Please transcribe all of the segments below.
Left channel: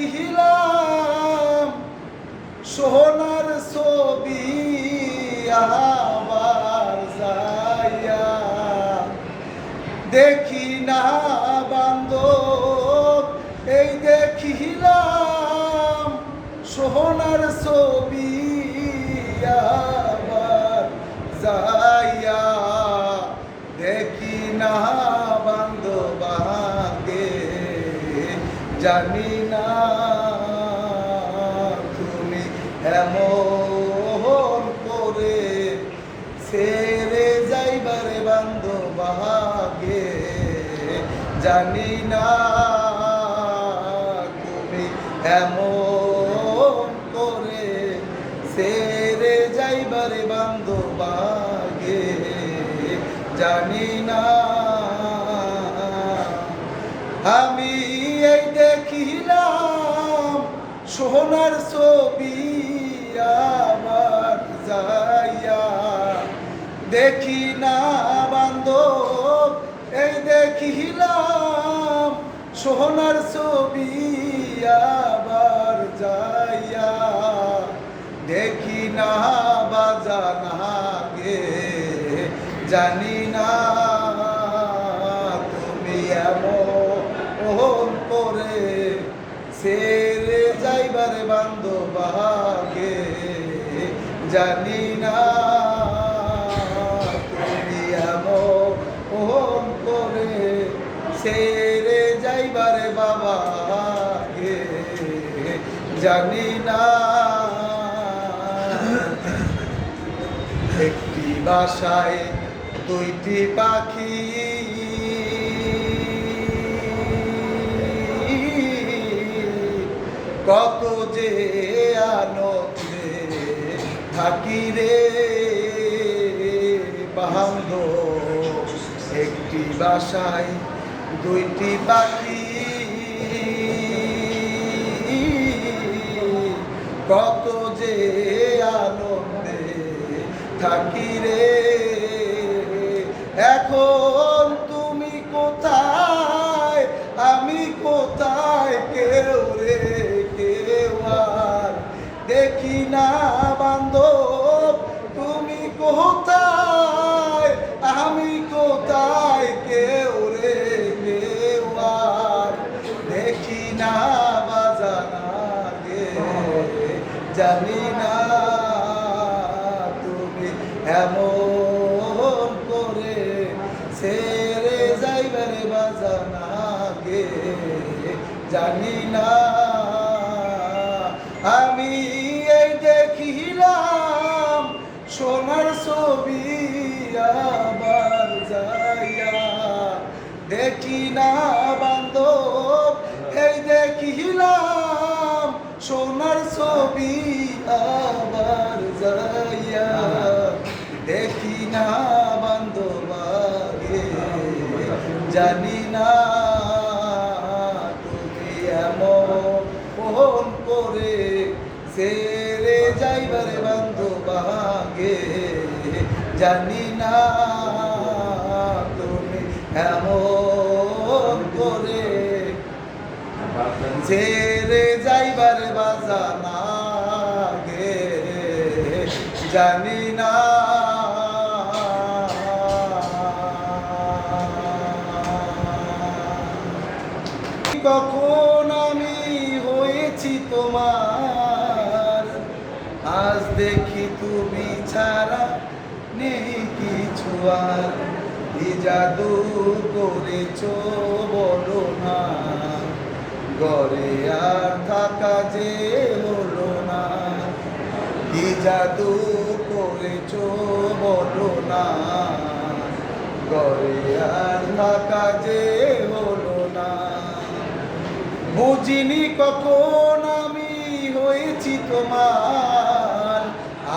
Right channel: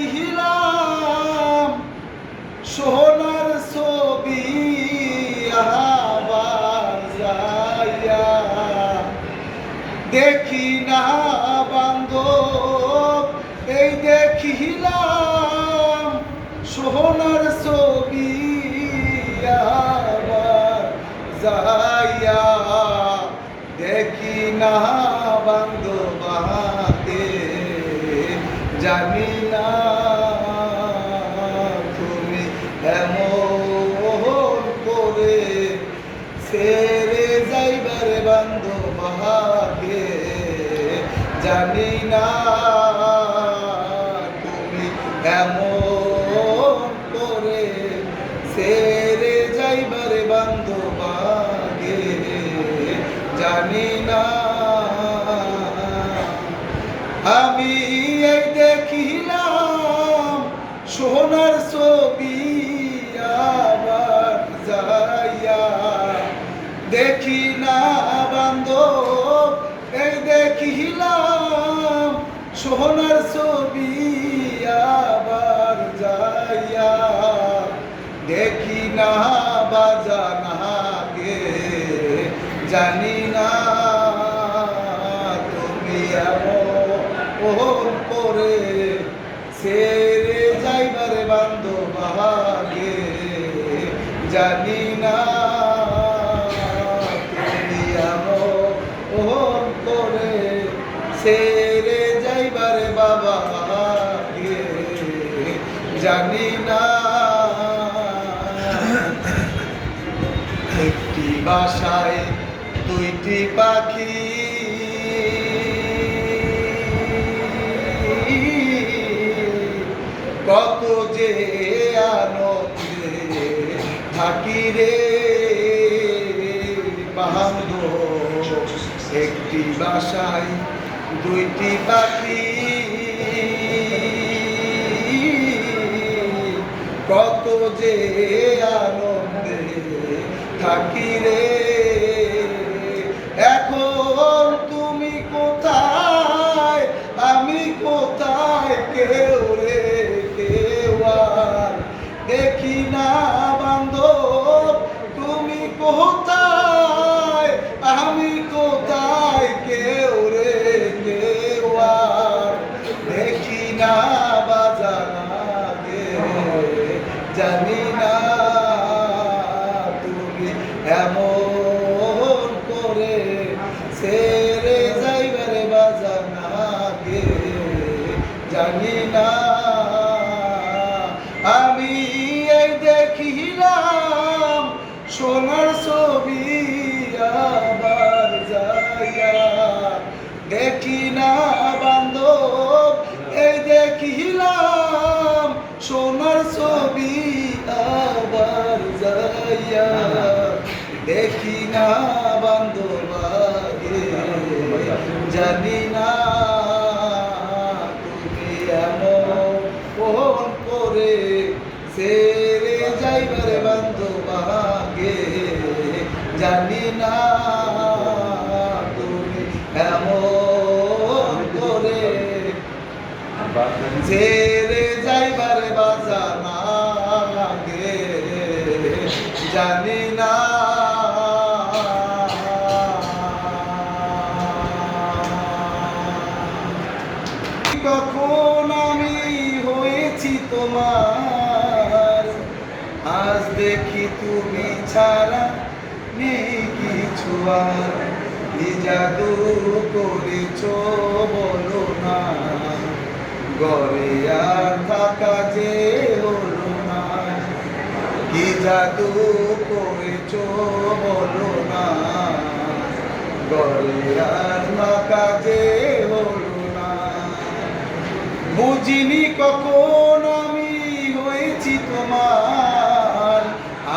দেখিলাম সোনার ছবি আবার যাইয়া দেখি না বান্ধব এই দেখিলাম সোনার ছবি আবার যাইয়া দেখি না বান্ধব জানি না তুমি এমন করে ছেড়ে যাইবারে বান্ধব জানি না তুমি এমন করে ছেড়ে যাইবারে বান্ধব জানি না আমি এই দেখিলাম সোনার ছবি আবার যাইয়া দেখি না বান্ধব এই দেখিলাম সোনার ছবি আবার যাইয়া দেখি না বাজানা গে জানি না তুমি এমন করে ছেড়ে যাইবারে বান্ধব জানি না তুমি এমন করে ছেড়ে যাইবারে বাবা জানি না একটি বাসায় দুইটি পাখি কত যে আনন্দে থাকি রে বান্ধব একটি বাসায় দুইটি পাখি কত যে আনন্দে থাকি রে এখন তুমি কোথায় আমি কোথায় কেউ রে কেউ আর দেখি না বান্ধব তুমি কোথায় আমি কোথায় কেউ রে কেউ আর দেখি না বাজানা গে জানি না তুমি এমন করে ছেড়ে যাইবারে বাজানা গে জানি না আমি এই দেখিলাম সোনার ছবি আবার যাইয়া দেখি না বান্ধব এই দেখিলাম সোনার ছবি আবার যাইয়া দেখি না বান্ধব জানি না তুমি এমন করে ছেড়ে যাইবারে বান্ধব জানি না তুমি এমন করে ছেড়ে যাইবারে বাজানা গে জানি না কখন আমি হয়েছি তোমার আজ দেখি তুমি ছাড়া নেই কিছু আর কি জাদু করেছো বলো না ঘরে আর থাকা যে হলো না কি জাদু করেছো বলো না ঘরে আর থাকা যে হলো না বুঝিনি কখন আমি হয়েছি তোমার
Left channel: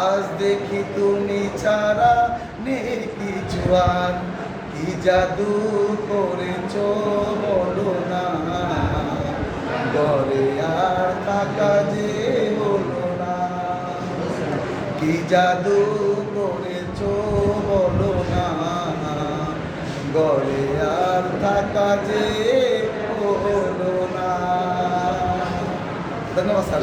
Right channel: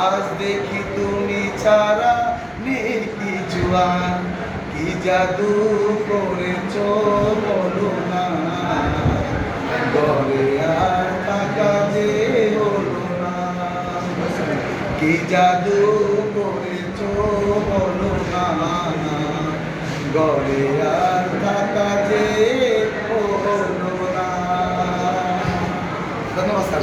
আজ দেখি তুমি ছাড়া নেই কিছু আর কি জাদু করেছো বলো না ঘরে আর থাকা যে হলো না কি জাদু করেছো বলো না ঘরে আর থাকা যে হলো না ধন্যবাদ স্যার।